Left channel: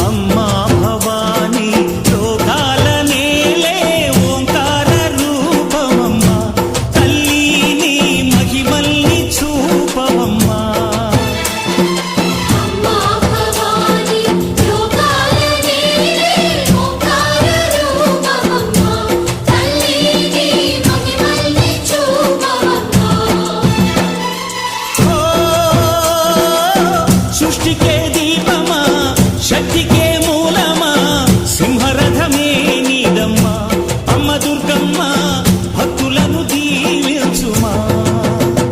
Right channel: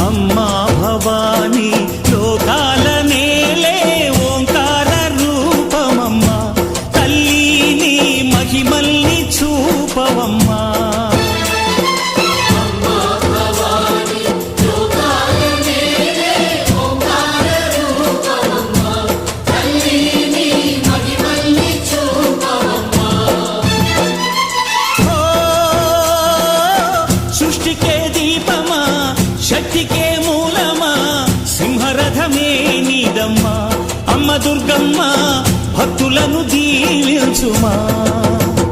అమ్మా భవానీ లోకాల నేలే ఓంకార రూపమమ్మా తల్లి నీ మహిమల్ని చూపవమ్మా సృష్టికే దీపమా శక్తికే మూలమా సింహరథమే నీదమ్మా అమ్మ దుర్గమ్మ భక్తులను దీవించుమా